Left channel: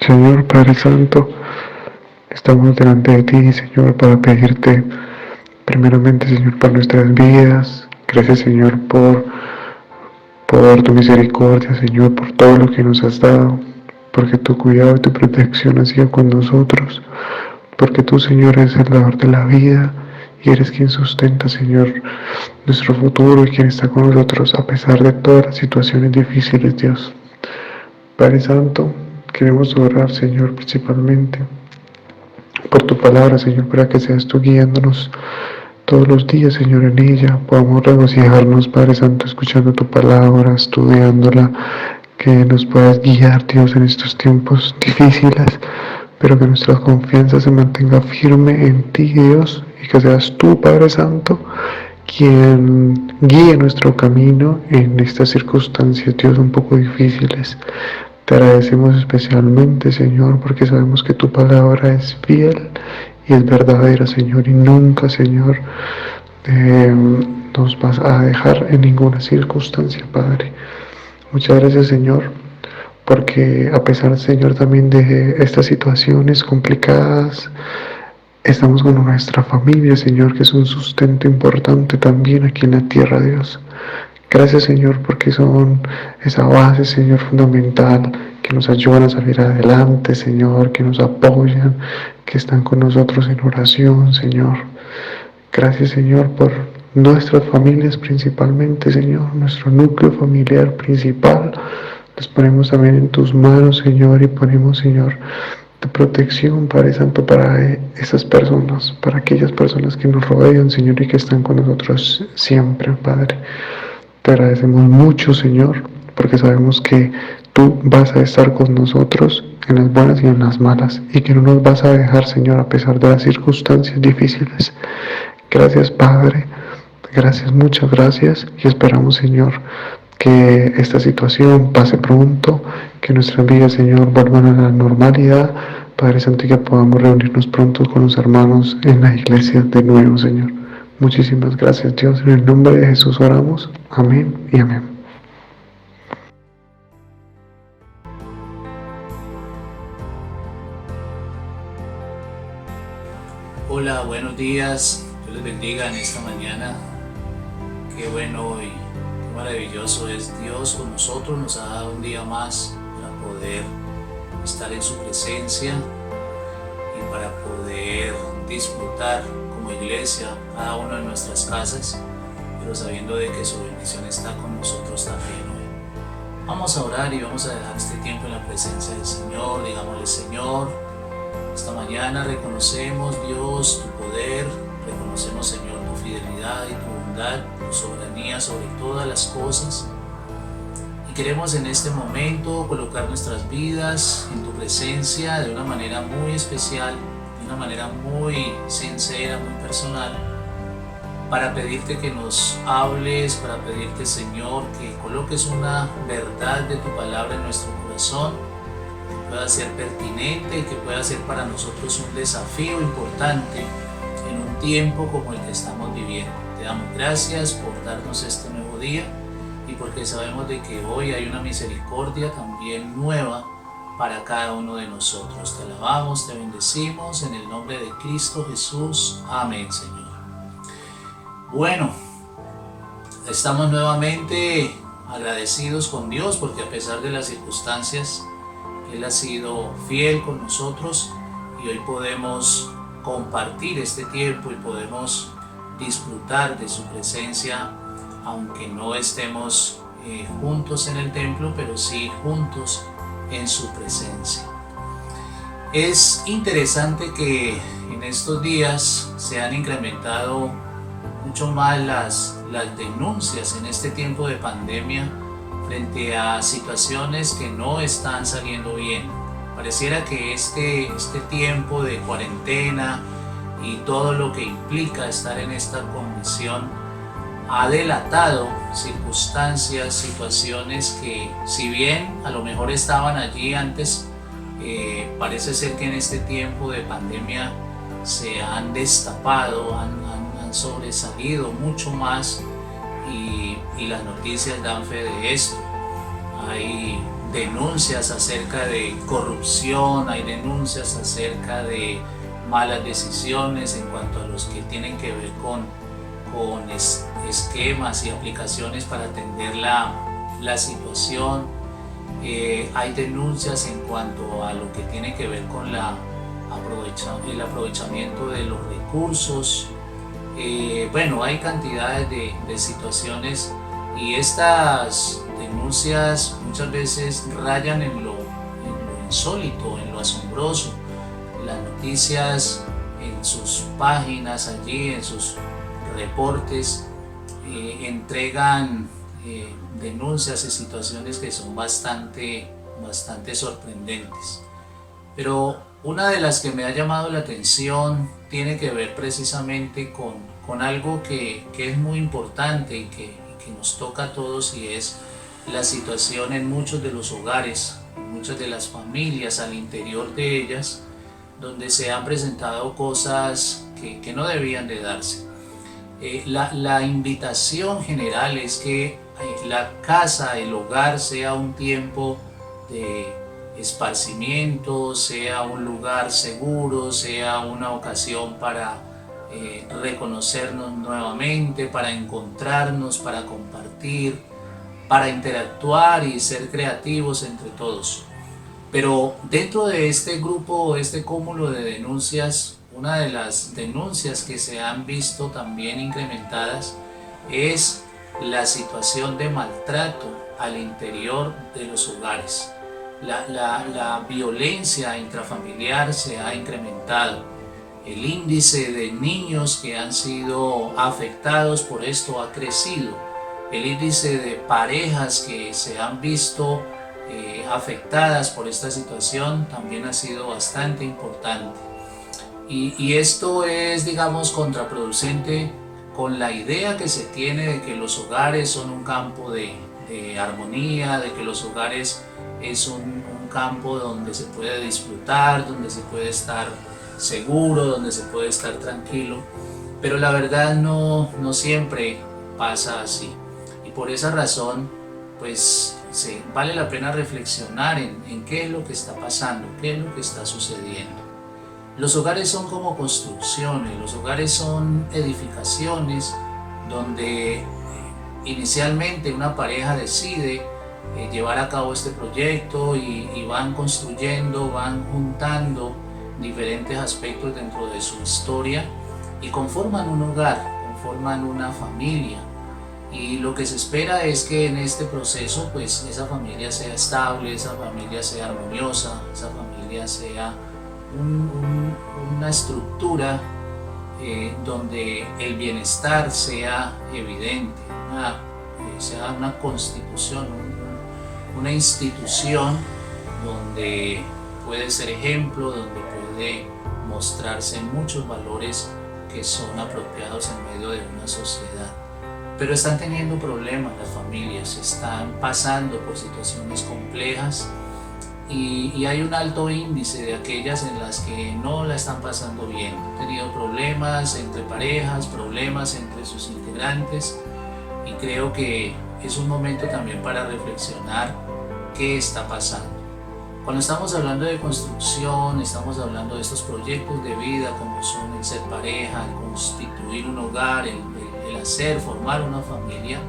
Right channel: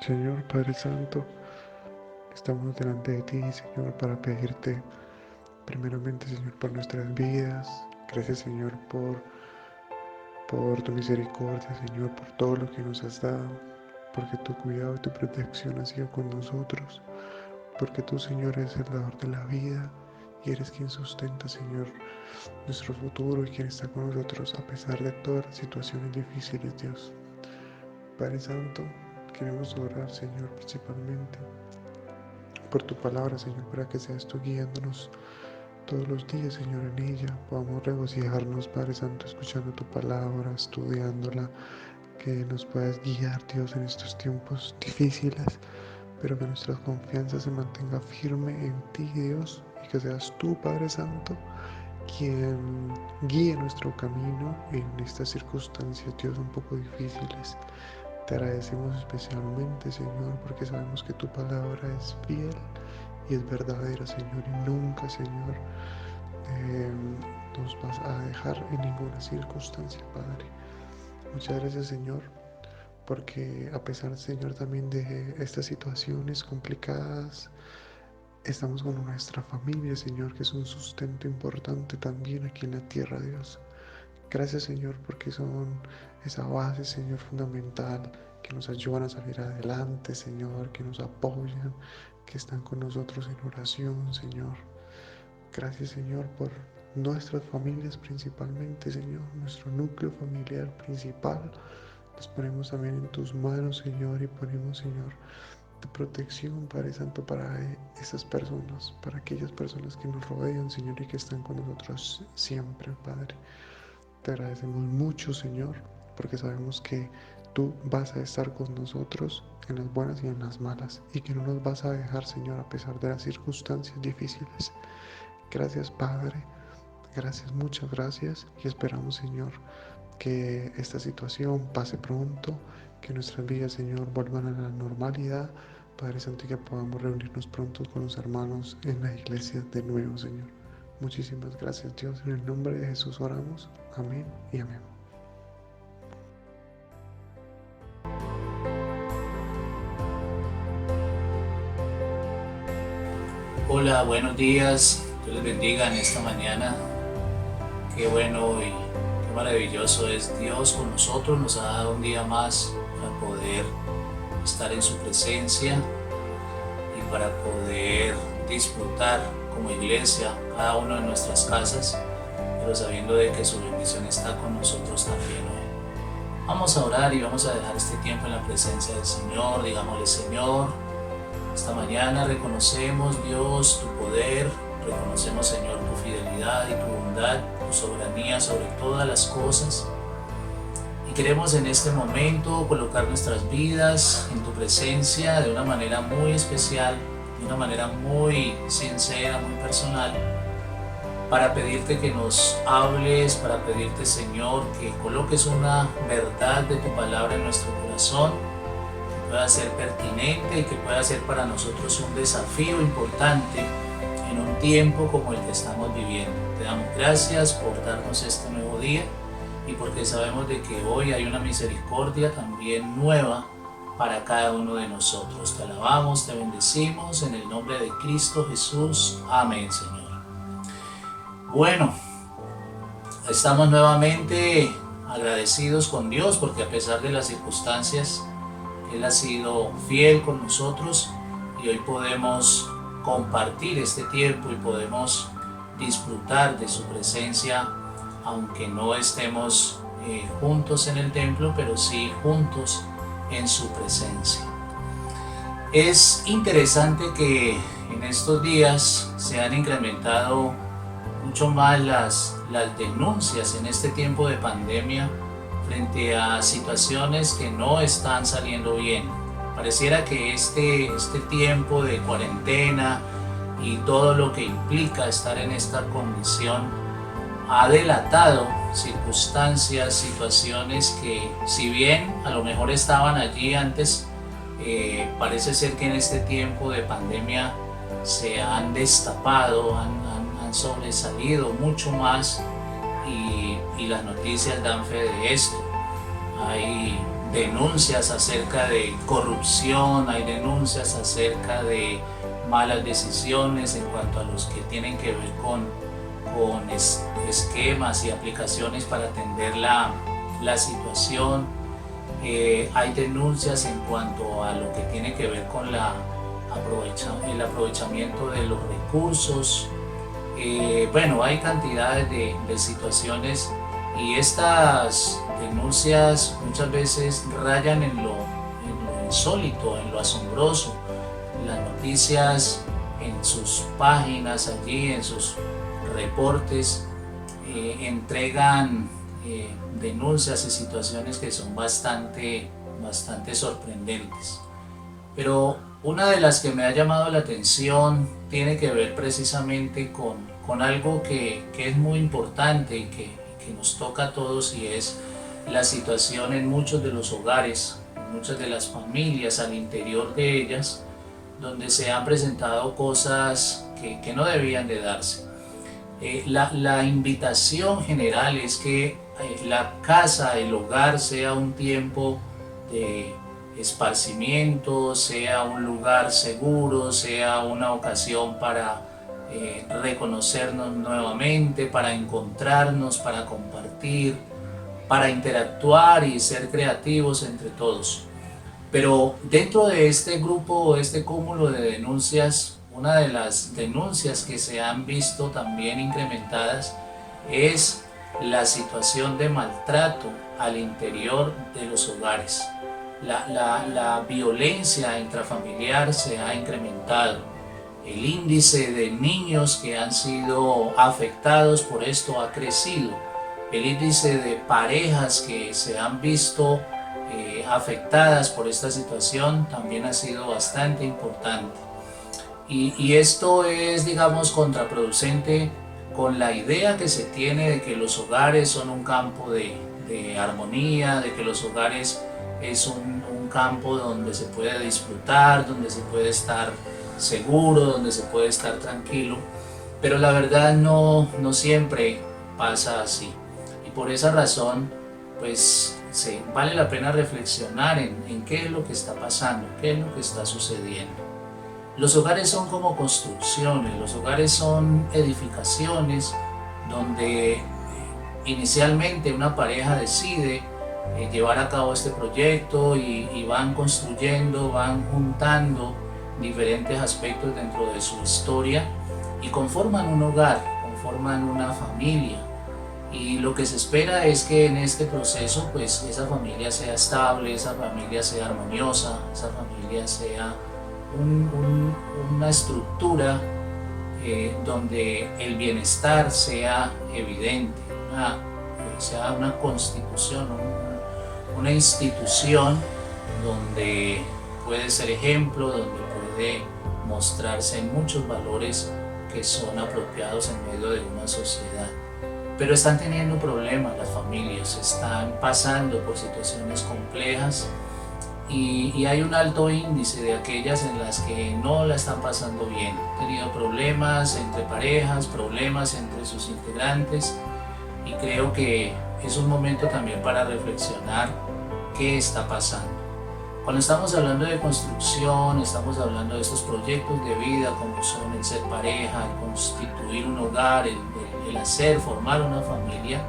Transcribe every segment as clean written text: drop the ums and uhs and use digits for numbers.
Señor Padre Santo, estamos delante de ti, Señor, para pedirte primeramente, Señor, por nuestras vidas. Gracias, Señor, por tu misericordia, Señor, por todo lo que nos has dado, porque tu cuidado y tu protección ha sido con nosotros, porque tú, Señor, eres el dador de la vida y eres quien sustenta, Señor, nuestro futuro y quien está con nosotros a pesar de todas las situaciones difíciles, Dios. Padre Santo, queremos orar, Señor, principalmente por tu palabra, Señor, para que seas tú guiándonos todos los días, Señor, en ella. Podamos regocijarnos, Padre Santo, escuchando tu palabra, estudiándola, que nos puedas guiar, Dios, en estos tiempos difíciles, pero que nuestra confianza se mantenga firme en ti, Dios, y que seas tú, Padre Santo, quien guíe nuestro camino en estas circunstancias, Dios, un poco difíciles. Te agradecemos especialmente, Señor, porque sabemos que tu palabra es fiel y es verdadera, Señor, y nunca, Señor, nos vas a dejar en ninguna circunstancia, Padre. Muchas gracias, Señor, porque a pesar, Señor, también de estas situaciones complicadas, estamos con nuestra familia, Señor, que es un sustento importante también aquí en la tierra, Dios. Gracias, Señor, porque son esa base, Señor, fundamental, que nos ayudan a salir adelante, Señor, que nos apoyan, que están con nosotros en oración, Señor. Gracias, Señor, por nuestras familias principalmente, Señor, nuestro núcleo familiar principal. Los ponemos también en tus manos, Señor, y ponemos, Señor, tu protección, Padre Santo, para esas personas, para aquellas personas que nos rodean, Señor, y que están con nosotros siempre, Padre. Te agradecemos mucho, Señor, porque sabemos que tú vas a estar con nosotros en las buenas y en las malas, y que no nos vas a dejar, Señor, a pesar de las circunstancias difíciles. Gracias, Padre. Gracias, muchas gracias. Y esperamos, Señor, que esta situación pase pronto, que nuestras vidas, Señor, vuelvan a la normalidad. Padre Santo, y que podamos reunirnos pronto con los hermanos en la iglesia de nuevo, Señor. Muchísimas gracias, Dios. En el nombre de Jesús oramos. Amén y amén. Hola, buenos días. Dios les bendiga en esta mañana. Qué bueno y qué maravilloso es Dios con nosotros. Nos ha dado un día más para poder estar en su presencia y para poder disfrutar como iglesia cada uno de nuestras casas, pero sabiendo de que su bendición está con nosotros también hoy. Vamos a orar y vamos a dejar este tiempo en la presencia del Señor. Digámosle: Señor, esta mañana reconocemos, Dios, tu poder, reconocemos, Señor, tu fidelidad y tu bondad, tu soberanía sobre todas las cosas. Y queremos en este momento colocar nuestras vidas en tu presencia de una manera muy especial, de una manera muy sincera, muy personal, para pedirte que nos hables, para pedirte, Señor, que coloques una verdad de tu palabra en nuestro corazón, pueda ser pertinente y que pueda ser para nosotros un desafío importante en un tiempo como el que estamos viviendo. Te damos gracias por darnos este nuevo día y porque sabemos de que hoy hay una misericordia también nueva para cada uno de nosotros. Te alabamos, te bendecimos en el nombre de Cristo Jesús. Amén, Señor. Bueno, estamos nuevamente agradecidos con Dios porque a pesar de las circunstancias, Él ha sido fiel con nosotros y hoy podemos compartir este tiempo y podemos disfrutar de su presencia, aunque no estemos juntos en el templo, pero sí juntos en su presencia. Es interesante que en estos días se han incrementado mucho más las denuncias en este tiempo de pandemia frente a situaciones que no están saliendo bien. Pareciera que este tiempo de cuarentena y todo lo que implica estar en esta condición ha delatado circunstancias, situaciones que, si bien a lo mejor estaban allí antes, parece ser que en este tiempo de pandemia se han destapado, han sobresalido mucho más. Y las noticias dan fe de esto. Hay denuncias acerca de corrupción, hay denuncias acerca de malas decisiones en cuanto a los que tienen que ver con esquemas y aplicaciones para atender la situación. Hay denuncias en cuanto a lo que tiene que ver con el aprovechamiento de los recursos. Bueno, hay cantidades de situaciones, y estas denuncias muchas veces rayan en lo insólito, en lo asombroso. Las noticias en sus páginas allí, en sus reportes, entregan denuncias y situaciones que son bastante sorprendentes. Pero una de las que me ha llamado la atención tiene que ver precisamente con algo que es muy importante y que nos toca a todos, y es la situación en muchos de los hogares, en muchas de las familias, al interior de ellas, donde se han presentado cosas que no debían de darse. La invitación general es que la casa, el hogar, sea un tiempo de esparcimiento, sea un lugar seguro, sea una ocasión para reconocernos nuevamente, para encontrarnos, para compartir, para interactuar y ser creativos entre todos. Pero dentro de este grupo, este cúmulo de denuncias, una de las denuncias que se han visto también incrementadas es la situación de maltrato al interior de los hogares. La violencia intrafamiliar se ha incrementado. El índice de niños que han sido afectados por esto ha crecido. El índice de parejas que se han visto afectadas por esta situación también ha sido bastante importante. Y esto es, digamos, contraproducente con la idea que se tiene de que los hogares son un campo de armonía, de que los hogares es un campo donde se puede disfrutar, donde se puede estar seguro, donde se puede estar tranquilo, pero la verdad no siempre pasa así, y por esa razón pues vale la pena reflexionar en qué es lo que está pasando, qué es lo que está sucediendo. Los hogares son como construcciones, los hogares son edificaciones donde inicialmente una pareja decide llevar a cabo este proyecto y van construyendo, van juntando diferentes aspectos dentro de su historia y conforman un hogar, conforman una familia, y lo que se espera es que en este proceso pues esa familia sea estable, esa familia sea armoniosa, esa familia sea una estructura donde el bienestar sea evidente, sea una constitución, una institución donde puede ser ejemplo, donde puede mostrarse muchos valores que son apropiados en medio de una sociedad. Pero están teniendo problemas las familias, están pasando por situaciones complejas, y hay un alto índice de aquellas en las que no la están pasando bien. Han tenido problemas entre parejas, problemas entre sus integrantes, y creo que es un momento también para reflexionar qué está pasando. Cuando estamos hablando de construcción, estamos hablando de estos proyectos de vida como son el ser pareja, el constituir un hogar, el formar una familia,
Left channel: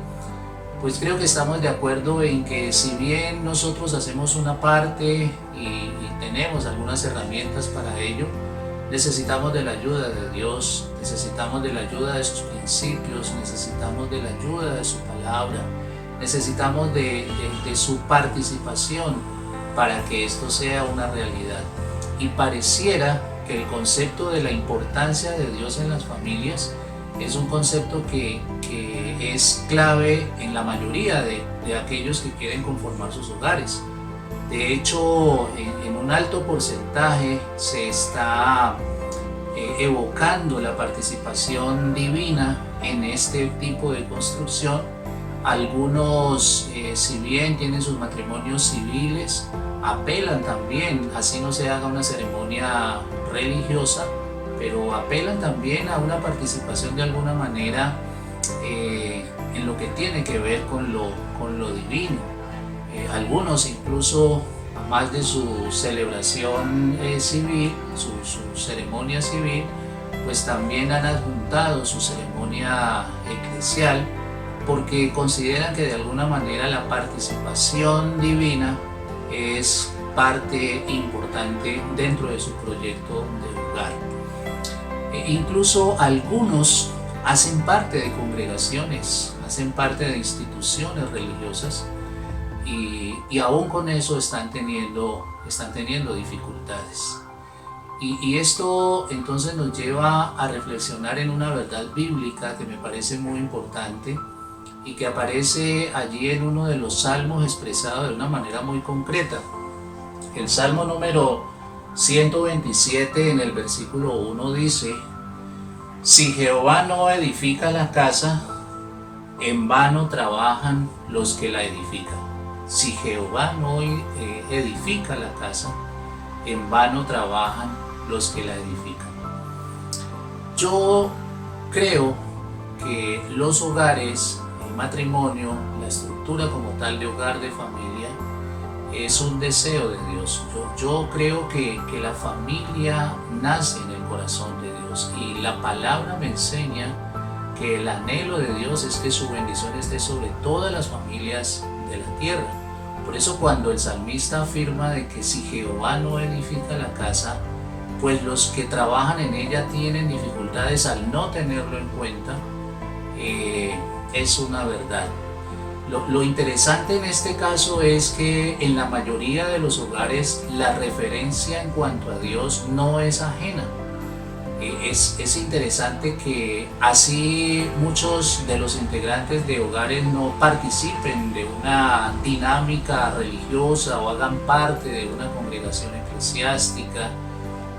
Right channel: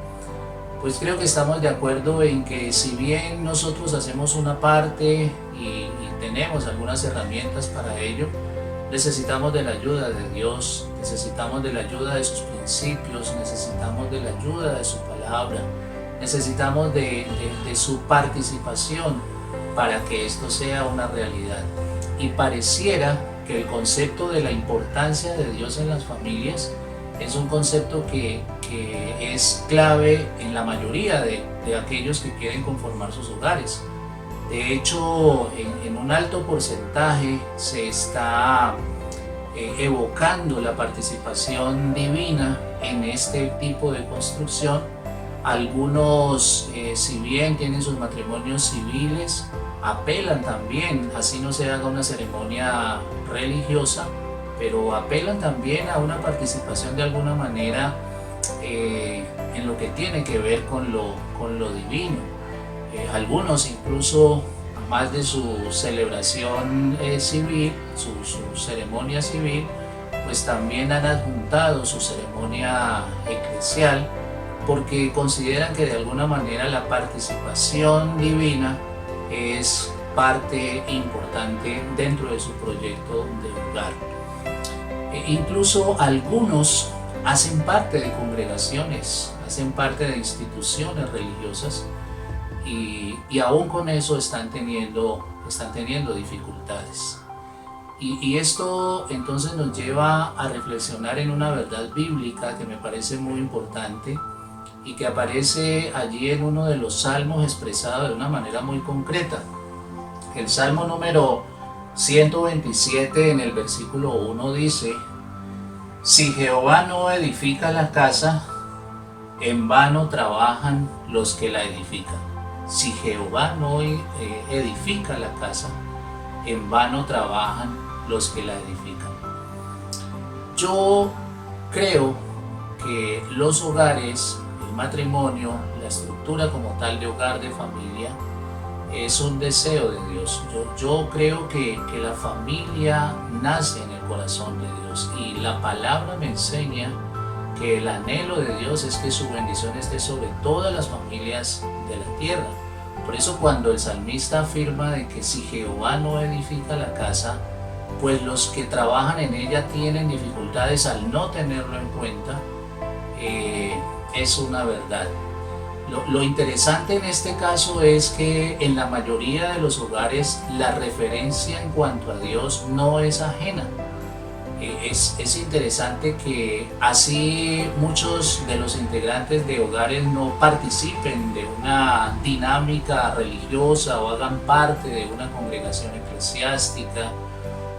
pues creo que estamos de acuerdo en que si bien nosotros hacemos una parte y tenemos algunas herramientas para ello, necesitamos de la ayuda de Dios, necesitamos de la ayuda de sus principios, necesitamos de la ayuda de su palabra, necesitamos de su participación para que esto sea una realidad. Y pareciera que el concepto de la importancia de Dios en las familias es un concepto que es clave en la mayoría de aquellos que quieren conformar sus hogares. De hecho, en un alto porcentaje se está evocando la participación divina en este tipo de construcción. Algunos, si bien tienen sus matrimonios civiles, apelan también, así no se haga una ceremonia religiosa, pero apelan también a una participación de alguna manera en lo que tiene que ver con lo divino. Algunos incluso, más de su celebración civil, su ceremonia civil, pues también han adjuntado su ceremonia eclesial, porque consideran que de alguna manera la participación divina es parte importante dentro de su proyecto de hogar. Incluso algunos hacen parte de congregaciones, hacen parte de instituciones religiosas y aún con eso están teniendo dificultades. Y esto entonces nos lleva a reflexionar en una verdad bíblica que me parece muy importante y que aparece allí en uno de los salmos expresado de una manera muy concreta. El salmo número 127 en el versículo 1 dice: si Jehová no edifica la casa, en vano trabajan los que la edifican. Si Jehová no edifica la casa, en vano trabajan los que la edifican. Yo creo que los hogares, el matrimonio, la estructura como tal de hogar, de familia, es un deseo de Dios. Yo creo que la familia nace en el corazón de Dios y la palabra me enseña que el anhelo de Dios es que su bendición esté sobre todas las familias de la tierra. Por eso cuando el salmista afirma de que si Jehová no edifica la casa, pues los que trabajan en ella tienen dificultades al no tenerlo en cuenta, es una verdad. Lo interesante en este caso es que en la mayoría de los hogares la referencia en cuanto a Dios no es ajena. Es interesante que así muchos de los integrantes de hogares no participen de una dinámica religiosa o hagan parte de una congregación eclesiástica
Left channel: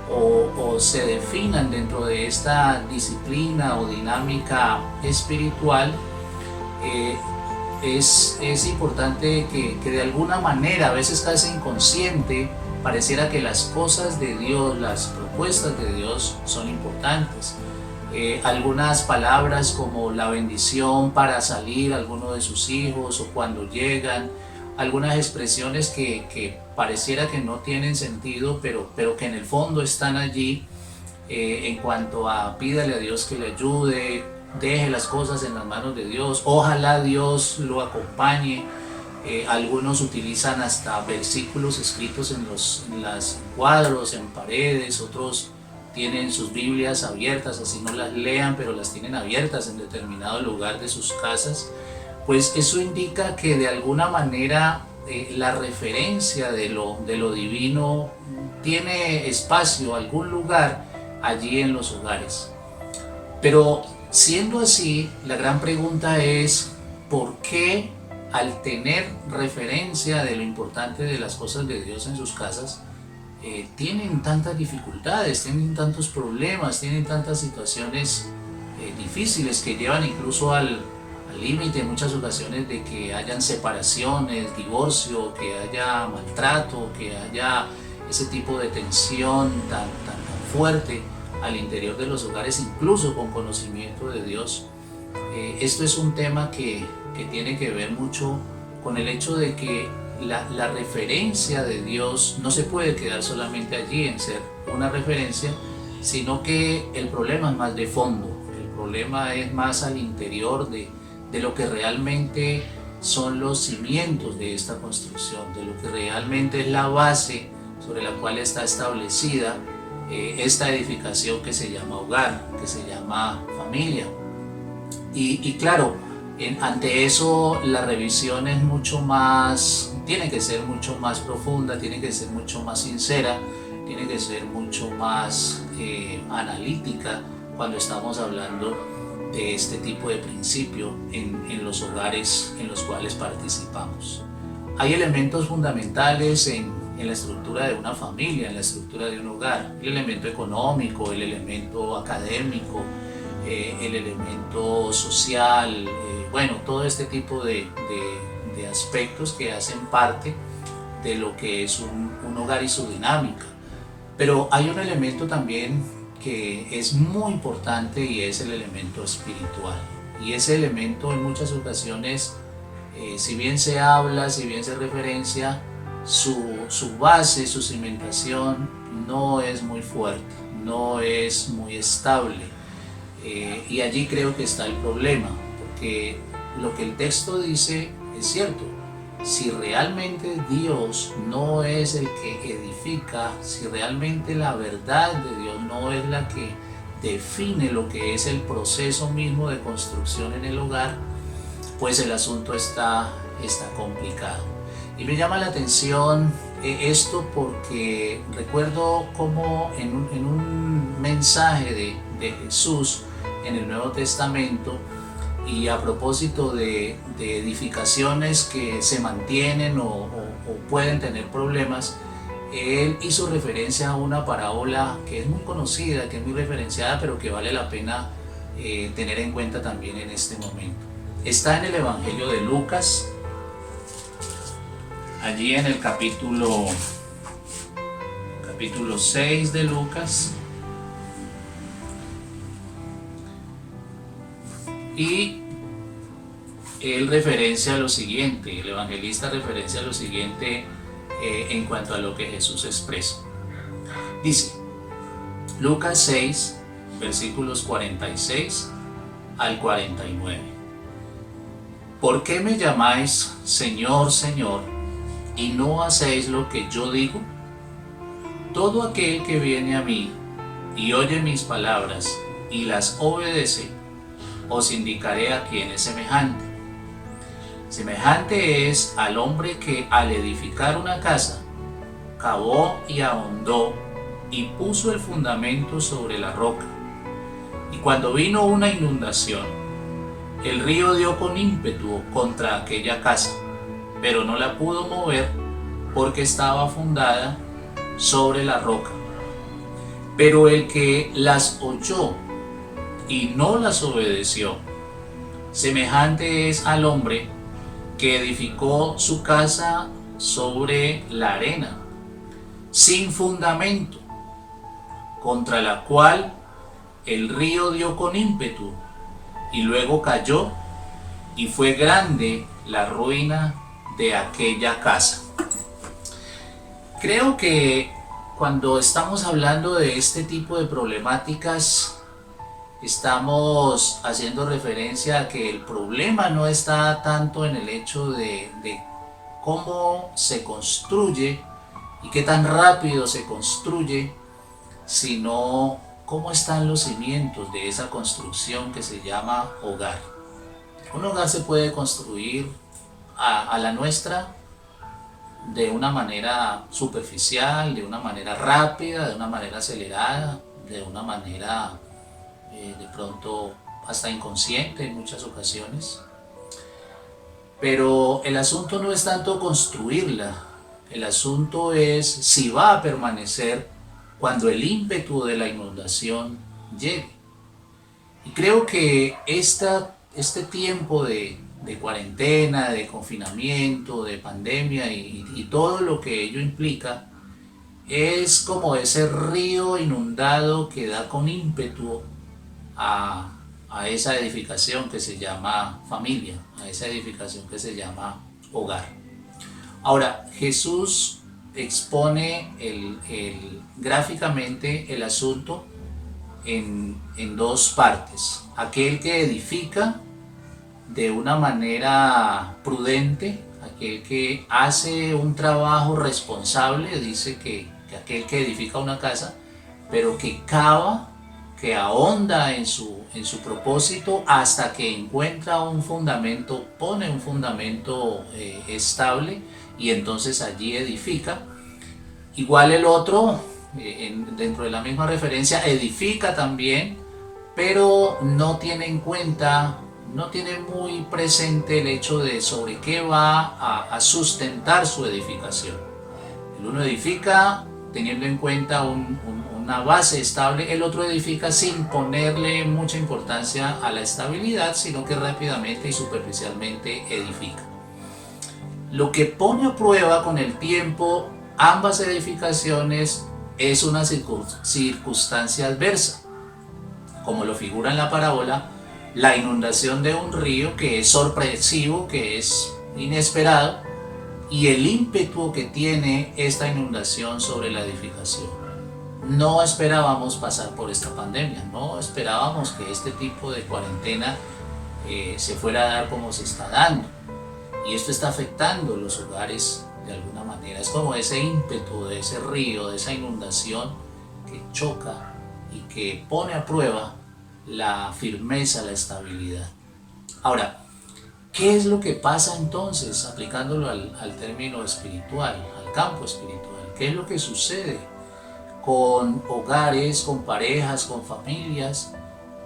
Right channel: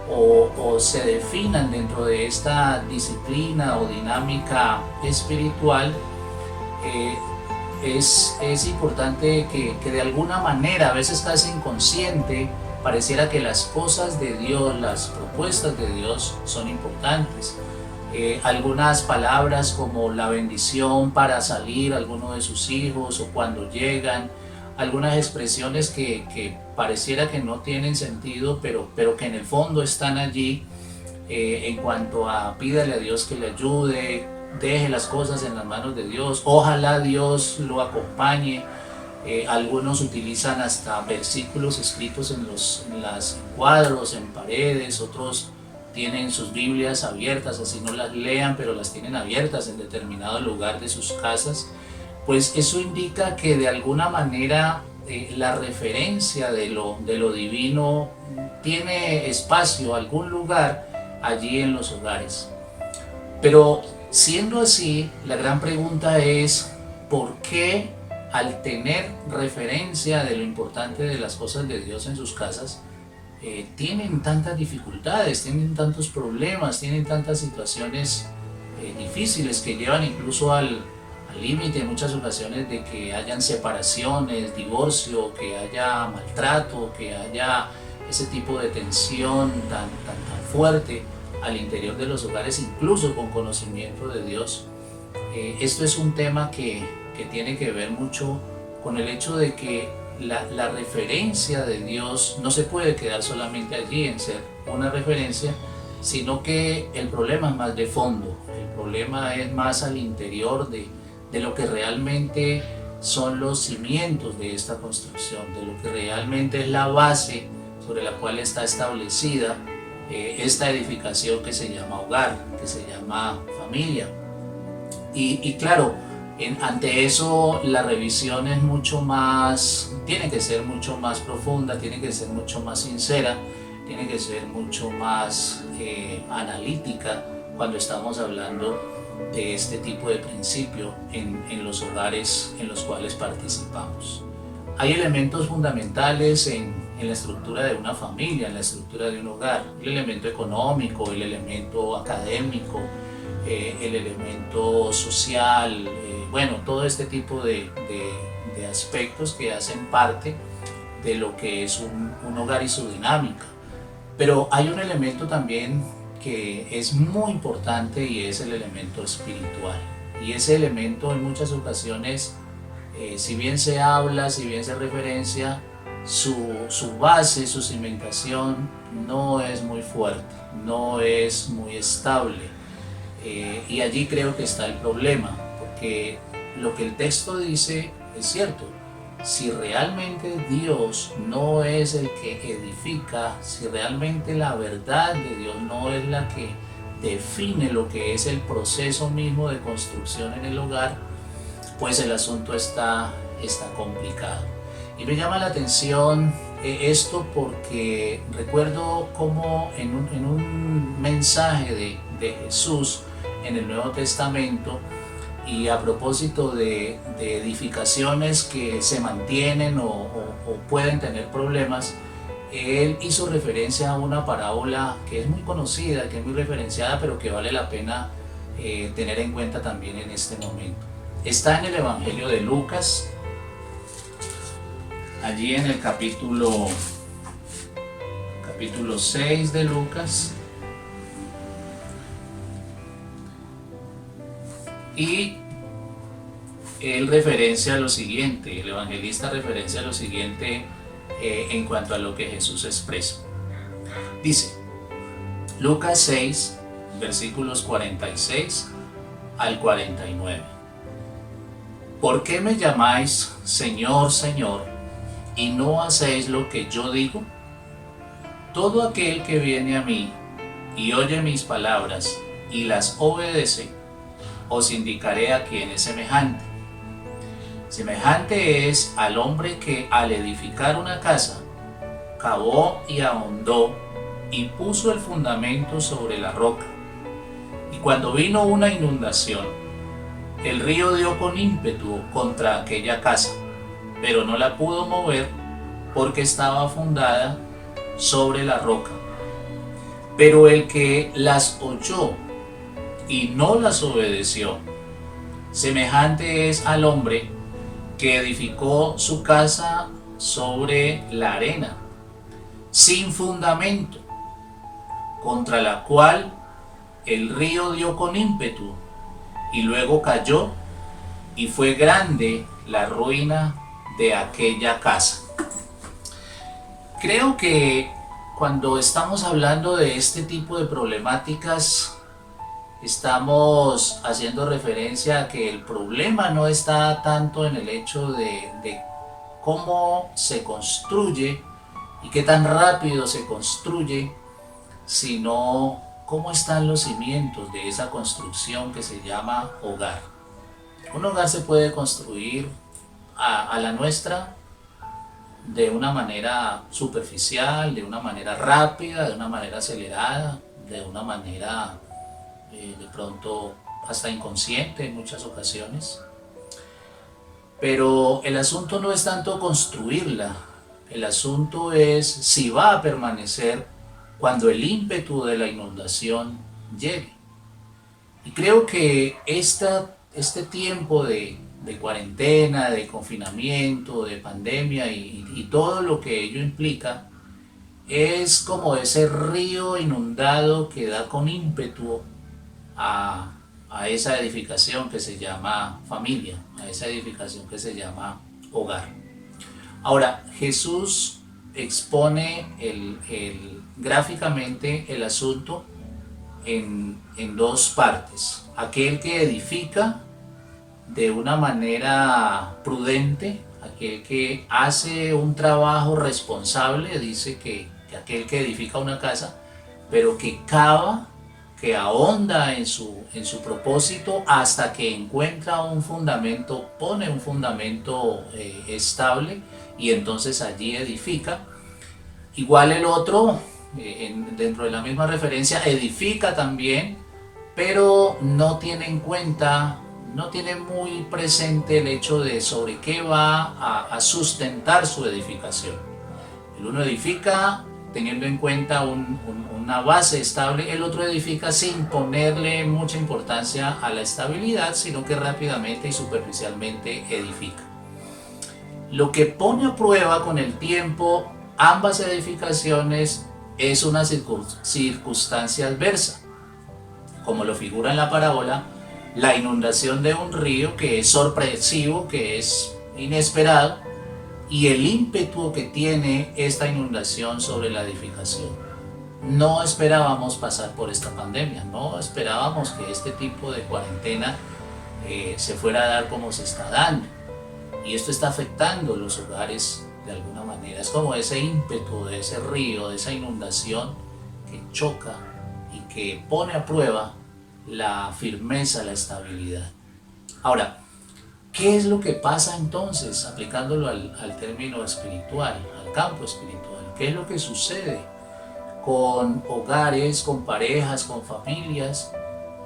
o se definan dentro de esta disciplina o dinámica espiritual, es importante que de alguna manera, a veces casi inconsciente, pareciera que las cosas de Dios, las propuestas de Dios son importantes. Algunas palabras como la bendición para salir alguno de sus hijos o cuando llegan, algunas expresiones que pareciera que no tienen sentido, pero que en el fondo están allí, en cuanto a pídale a Dios que le ayude, deje las cosas en las manos de Dios, ojalá Dios lo acompañe. Algunos utilizan hasta versículos escritos en los cuadros, en paredes, otros tienen sus Biblias abiertas, así no las lean, pero las tienen abiertas en determinado lugar de sus casas. Pues eso indica que de alguna manera la referencia de lo divino tiene espacio, algún lugar allí en los hogares. Pero siendo así, la gran pregunta es: ¿por qué al tener referencia de lo importante de las cosas de Dios en sus casas, tienen tantas dificultades, tienen tantos problemas, tienen tantas situaciones difíciles que llevan incluso al límite en muchas ocasiones de que hayan separaciones, divorcio, que haya maltrato, que haya ese tipo de tensión tan fuerte al interior de los hogares, incluso con conocimiento de Dios? Esto es un tema que tiene que ver mucho con el hecho de que la referencia de Dios no se puede quedar solamente allí en ser una referencia, sino que el problema es más de fondo, el problema es más al interior de lo que realmente son los cimientos de esta construcción, de lo que realmente es la base sobre la cual está establecida esta edificación que se llama hogar, que se llama familia. Y claro, ante eso la revisión es tiene que ser mucho más profunda, tiene que ser mucho más sincera, tiene que ser mucho más analítica cuando estamos hablando de este tipo de principio en los hogares en los cuales participamos. Hay elementos fundamentales en la estructura de una familia, en la estructura de un hogar: el elemento económico, el elemento académico, el elemento social, bueno, todo este tipo de aspectos que hacen parte de lo que es un hogar y su dinámica. Pero hay un elemento también que es muy importante y es el elemento espiritual. Y ese elemento en muchas ocasiones si bien se habla, si bien se referencia, su base, su cimentación no es muy fuerte, no es muy estable. Y allí creo que está el problema, porque lo que el texto dice es cierto. Si realmente Dios no es el que edifica, si realmente la verdad de Dios no es la que define lo que es el proceso mismo de construcción en el hogar, pues el asunto está complicado. Y me llama la atención esto porque recuerdo como en un mensaje de Jesús en el Nuevo Testamento, y a propósito de edificaciones que se mantienen o pueden tener problemas, él hizo referencia a una parábola que es muy conocida, que es muy referenciada, pero que vale la pena tener en cuenta también en este momento. Está en el Evangelio de Lucas, allí en el capítulo 6 de Lucas, y él referencia lo siguiente, el evangelista referencia lo siguiente en cuanto a lo que Jesús expresa. Dice, Lucas 6, versículos 46 al 49. ¿Por qué me llamáis Señor, Señor, y no hacéis lo que yo digo? Todo aquel que viene a mí y oye mis palabras y las obedece, os indicaré a quién es semejante. Semejante es al hombre que al edificar una casa, cavó y ahondó y puso el fundamento sobre la roca. Y cuando vino una inundación, el río dio con ímpetu contra aquella casa, pero no la pudo mover porque estaba fundada sobre la roca. Pero el que las oyó y no las obedeció, semejante es al hombre que edificó su casa sobre la arena, sin fundamento, contra la cual el río dio con ímpetu y luego cayó, y fue grande la ruina de aquella casa. Creo que cuando estamos hablando de este tipo de problemáticas, estamos haciendo referencia a que el problema no está tanto en el hecho de cómo se construye y qué tan rápido se construye, sino cómo están los cimientos de esa construcción que se llama hogar. Un hogar se puede construir a la nuestra de una manera superficial, de una manera rápida, de una manera acelerada, de una manera de pronto hasta inconsciente en muchas ocasiones. Pero el asunto no es tanto construirla, el asunto es si va a permanecer cuando el ímpetu de la inundación llegue. Y creo que este tiempo de cuarentena, de confinamiento, de pandemia y todo lo que ello implica, es como ese río inundado que da con ímpetu a esa edificación que se llama familia, a esa edificación que se llama hogar. Ahora, Jesús expone gráficamente el asunto en dos partes. Aquel que edifica de una manera prudente, aquel que hace un trabajo responsable, dice que aquel que edifica una casa, pero que cava, que ahonda en su propósito hasta que encuentra un fundamento, pone un fundamento estable y entonces allí edifica. Igual el otro, dentro de la misma referencia, edifica también, pero no tiene en cuenta, no tiene muy presente el hecho de sobre qué va a sustentar su edificación. El uno edifica teniendo en cuenta una base estable, el otro edifica sin ponerle mucha importancia a la estabilidad, sino que rápidamente y superficialmente edifica. Lo que pone a prueba con el tiempo ambas edificaciones es una circunstancia adversa, como lo figura en la parábola, la inundación de un río que es sorpresivo, que es inesperado y el ímpetu que tiene esta inundación sobre la edificación. No esperábamos pasar por esta pandemia, no esperábamos que este tipo de cuarentena se fuera a dar como se está dando. Y esto está afectando los hogares de alguna manera. Es como ese ímpetu de ese río, de esa inundación que choca y que pone a prueba la firmeza, la estabilidad. Ahora, ¿qué es lo que pasa entonces, aplicándolo al término espiritual, al campo espiritual? ¿Qué es lo que sucede con hogares, con parejas, con familias,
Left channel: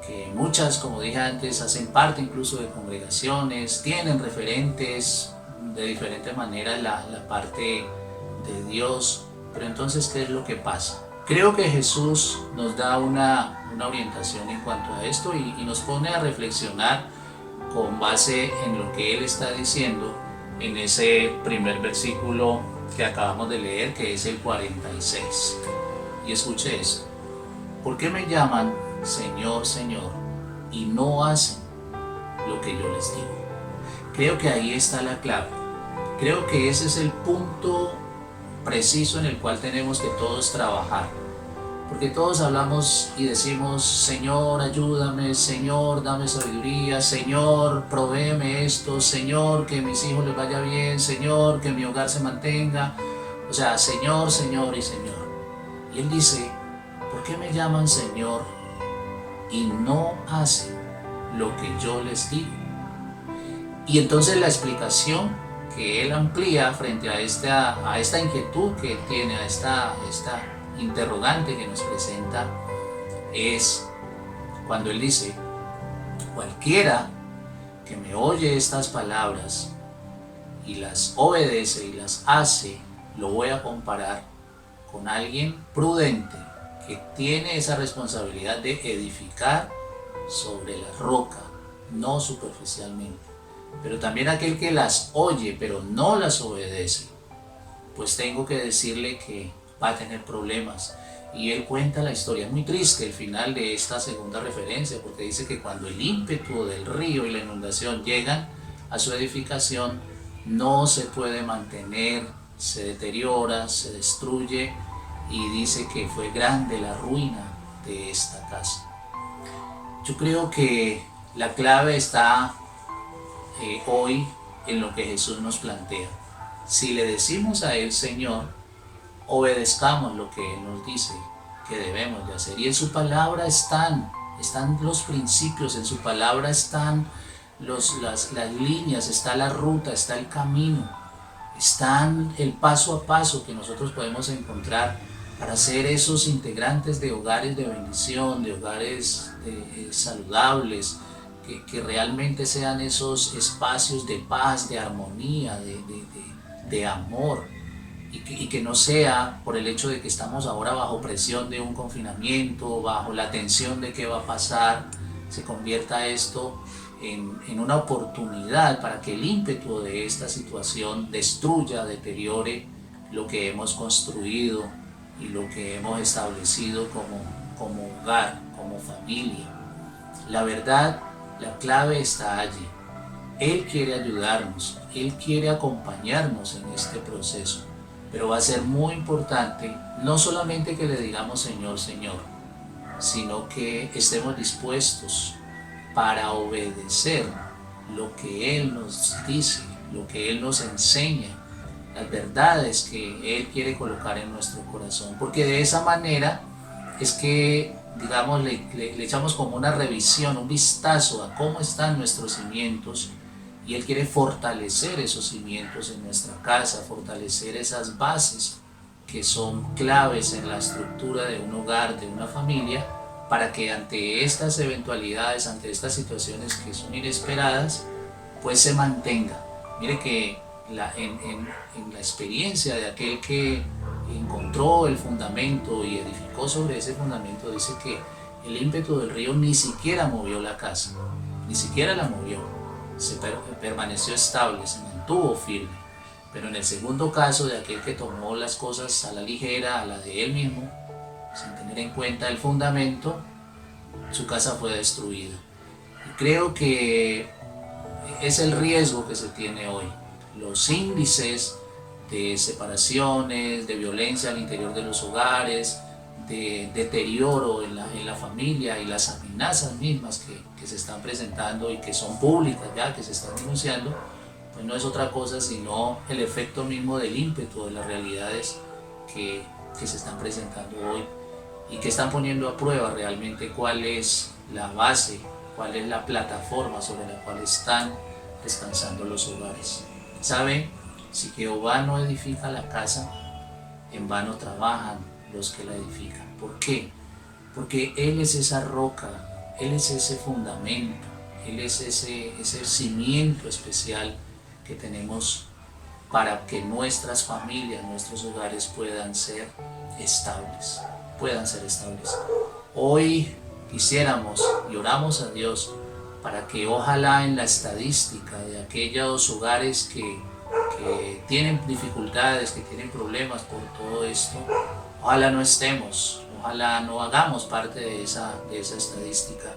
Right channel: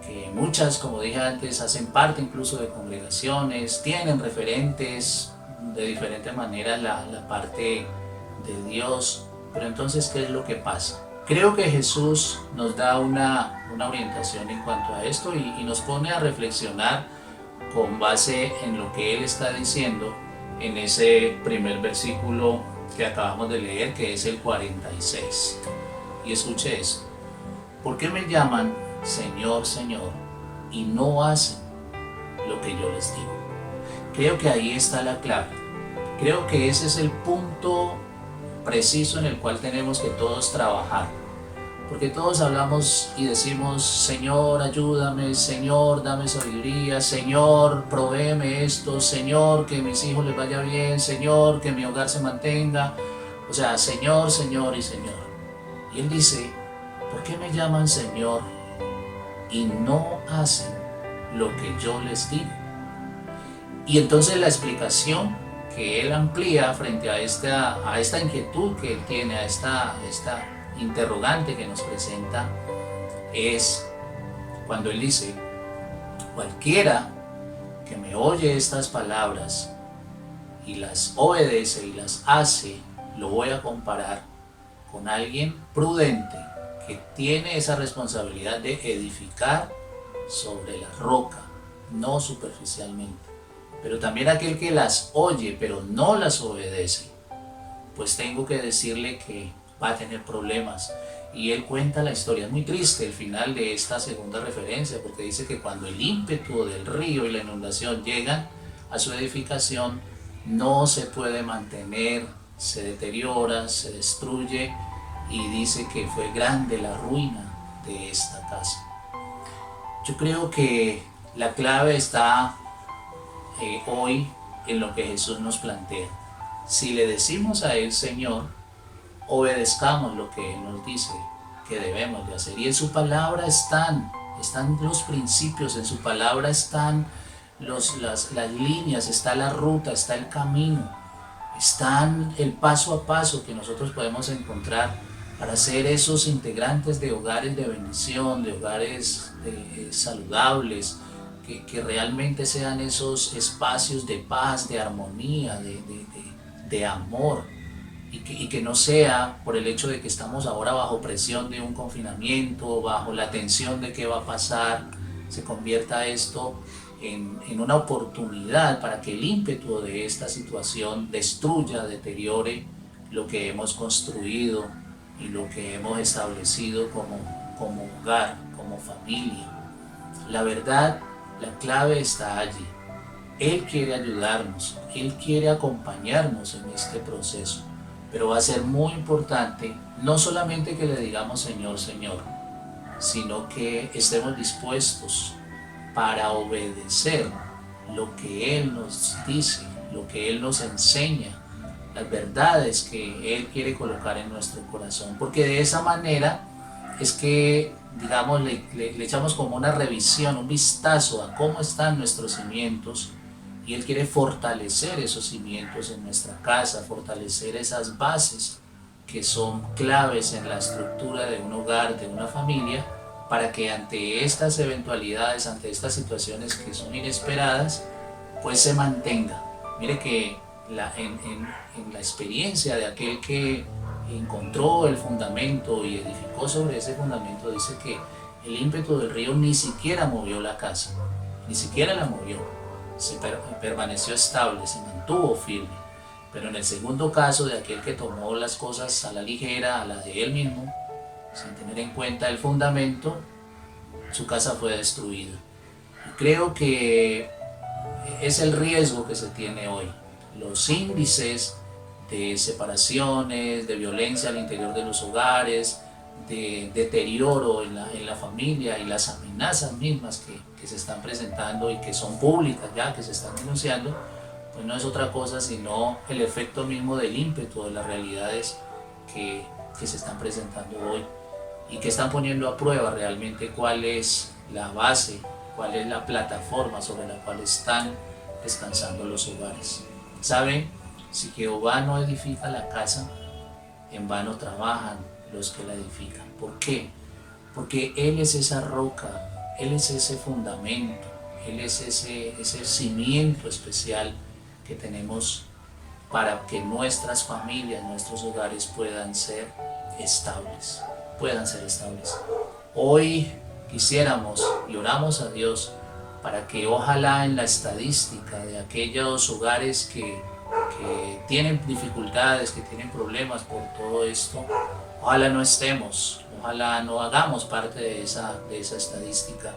que muchas, como dije antes, hacen parte incluso de congregaciones, tienen referentes de diferente manera la parte de Dios? Pero entonces, ¿qué es lo que pasa? Creo que Jesús nos da una orientación en cuanto a esto y nos pone a reflexionar con base en lo que Él está diciendo en ese primer versículo que acabamos de leer, que es el 46. Y escuche eso. ¿Por qué me llaman Señor, Señor, y no hacen lo que yo les digo? Creo que ahí está la clave. Creo que ese es el punto preciso en el cual tenemos que todos trabajar. Porque todos hablamos y decimos: Señor, ayúdame, Señor, dame sabiduría, Señor, provéeme esto, Señor, que mis hijos les vaya bien, Señor, que mi hogar se mantenga. O sea, Señor, Señor y Señor. Y Él dice: ¿por qué me llaman Señor y no hacen lo que yo les digo? Y entonces la explicación que Él amplía frente a esta inquietud que Él tiene, a esta interrogante que nos presenta, es cuando Él dice: cualquiera que me oye estas palabras y las obedece y las hace, lo voy a comparar con alguien prudente que tiene esa responsabilidad de edificar sobre la roca, no superficialmente. Pero también aquel que las oye pero no las obedece, pues tengo que decirle que va a tener problemas. Y Él cuenta la historia, es muy triste el final de esta segunda referencia, porque dice que cuando el ímpetu del río y la inundación llegan a su edificación, no se puede mantener, se deteriora, se destruye, y dice que fue grande la ruina de esta casa. Yo creo que la clave está hoy en lo que Jesús nos plantea. Si le decimos a Él Señor, obedezcamos lo que Él nos dice que debemos de hacer. Y en su palabra están los principios, en su palabra están las líneas, está la ruta, está el camino, están el paso a paso que nosotros podemos encontrar para ser esos integrantes de hogares de bendición, de hogares saludables, que realmente sean esos espacios de paz, de armonía, de amor, y que no sea por el hecho de que estamos ahora bajo presión de un confinamiento, bajo la tensión de qué va a pasar, se convierta esto en una oportunidad para que el ímpetu de esta situación destruya, deteriore lo que hemos construido y lo que hemos establecido como hogar, como familia. La verdad, la clave está allí. Él quiere ayudarnos, Él quiere acompañarnos en este proceso, pero va a ser muy importante no solamente que le digamos Señor, Señor, sino que estemos dispuestos para obedecer lo que Él nos dice, lo que Él nos enseña, las verdades que Él quiere colocar en nuestro corazón, porque de esa manera es que, digamos, le echamos como una revisión, un vistazo a cómo están nuestros cimientos, y Él quiere fortalecer esos cimientos en nuestra casa, fortalecer esas bases que son claves en la estructura de un hogar, de una familia, para que ante estas eventualidades, ante estas situaciones que son inesperadas, pues se mantenga. Mire que en la experiencia de aquel que encontró el fundamento y edificó sobre ese fundamento, dice que el ímpetu del río ni siquiera movió la casa, ni siquiera la movió, permaneció estable, se mantuvo firme. Pero en el segundo caso de aquel que tomó las cosas a la ligera, a la de él mismo, sin tener en cuenta el fundamento, su casa fue destruida. Y creo que es el riesgo que se tiene hoy. los índices de separaciones, de violencia al interior de los hogares, de deterioro en la familia y las amenazas mismas que se están presentando y que son públicas ya, que se están denunciando, pues no es otra cosa sino el efecto mismo del ímpetu de las realidades que se están presentando hoy y que están poniendo a prueba realmente cuál es la base, cuál es la plataforma sobre la cual están descansando los hogares. ¿Saben? Si Jehová no edifica la casa, en vano trabajan los que la edifican. ¿Por qué? Porque Él es esa roca, Él es ese fundamento, Él es ese cimiento especial que tenemos para que nuestras familias, nuestros hogares puedan ser estables, Hoy quisiéramos y oramos a Dios para que ojalá en la estadística de aquellos hogares que tienen dificultades, que tienen problemas por todo esto, ojalá no estemos, ojalá no hagamos parte de esa estadística,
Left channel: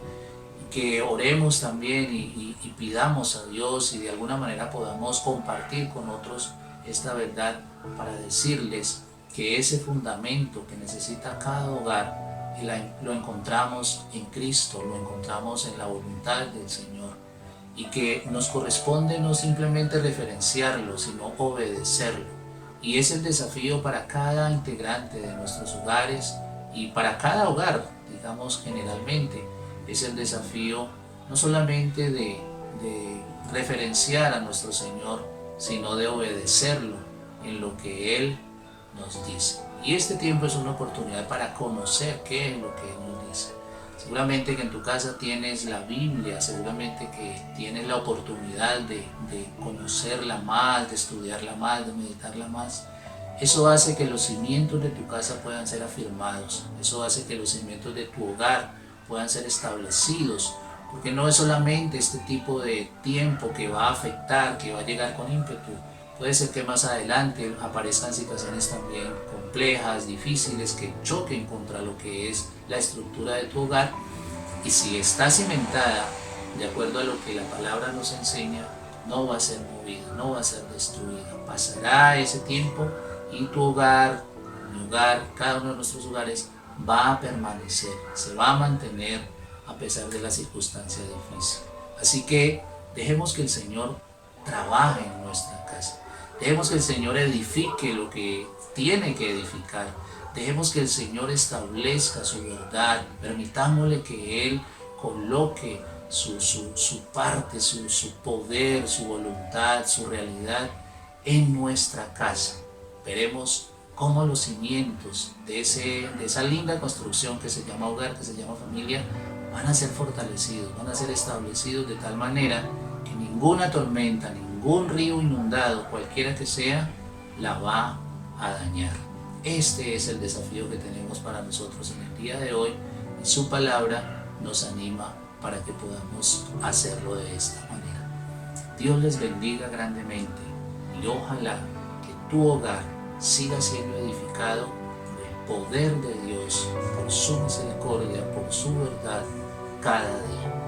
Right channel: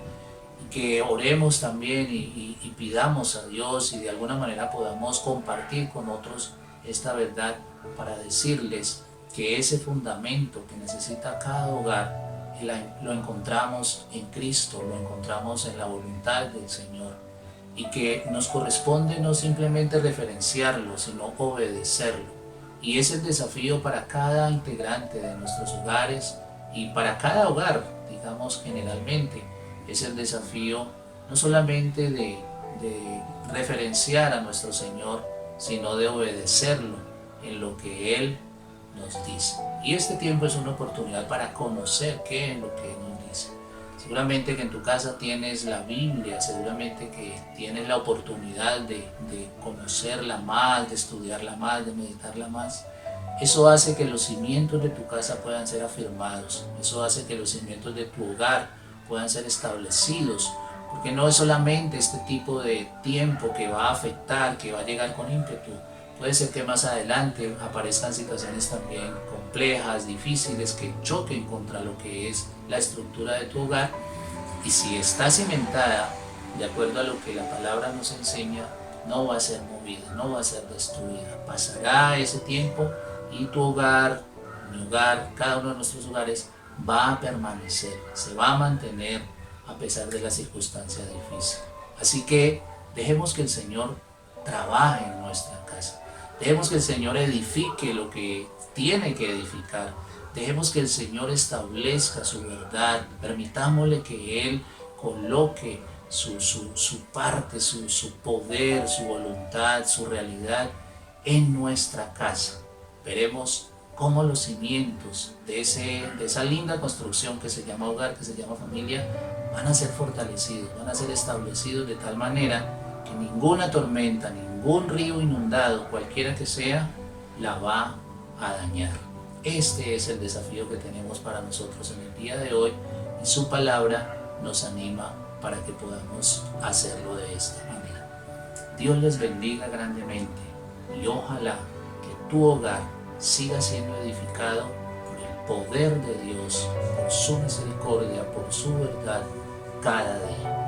que oremos también y pidamos a Dios y de alguna manera podamos compartir con otros esta verdad para decirles que ese fundamento que necesita cada hogar lo encontramos en Cristo, lo encontramos en la voluntad del Señor y que nos corresponde no simplemente referenciarlo, sino obedecerlo. Y es el desafío para cada integrante de nuestros hogares y para cada hogar, digamos generalmente, es el desafío no solamente de referenciar a nuestro Señor, sino de obedecerlo en lo que Él nos dice. Y este tiempo es una oportunidad para conocer qué es lo que Él nos dice. Seguramente que en tu casa tienes la Biblia, seguramente que tienes la oportunidad de conocerla más, de estudiarla más, de meditarla más. Eso hace que los cimientos de tu casa puedan ser afirmados. Eso hace que los cimientos de tu hogar puedan ser establecidos. Porque no es solamente este tipo de tiempo que va a afectar, que va a llegar con ímpetu. Puede ser que más adelante aparezcan situaciones también complejas, difíciles, que choquen contra lo que es la estructura de tu hogar. Y si está cimentada de acuerdo a lo que la palabra nos enseña, no va a ser movida, no va a ser destruida. Pasará ese tiempo y tu hogar, mi hogar, cada uno de nuestros hogares va a permanecer, se va a mantener a pesar de la circunstancia difícil. Así que dejemos que el Señor trabaje en nuestra casa. Dejemos que el Señor edifique lo que tiene que edificar. Dejemos que el Señor establezca su verdad. Permitámosle que Él coloque su parte, su poder, su voluntad, su realidad en nuestra casa. Veremos cómo los cimientos de esa linda construcción que se llama hogar, que se llama familia, van a ser fortalecidos, van a ser establecidos de tal manera que ninguna tormenta, ningún río inundado, cualquiera que sea, la va a dañar. Este es el desafío que tenemos para nosotros en el día de hoy y su palabra nos anima para que podamos hacerlo de esta manera. Dios les bendiga grandemente y ojalá que tu hogar siga siendo edificado por el poder de Dios, por su misericordia, por su verdad cada día.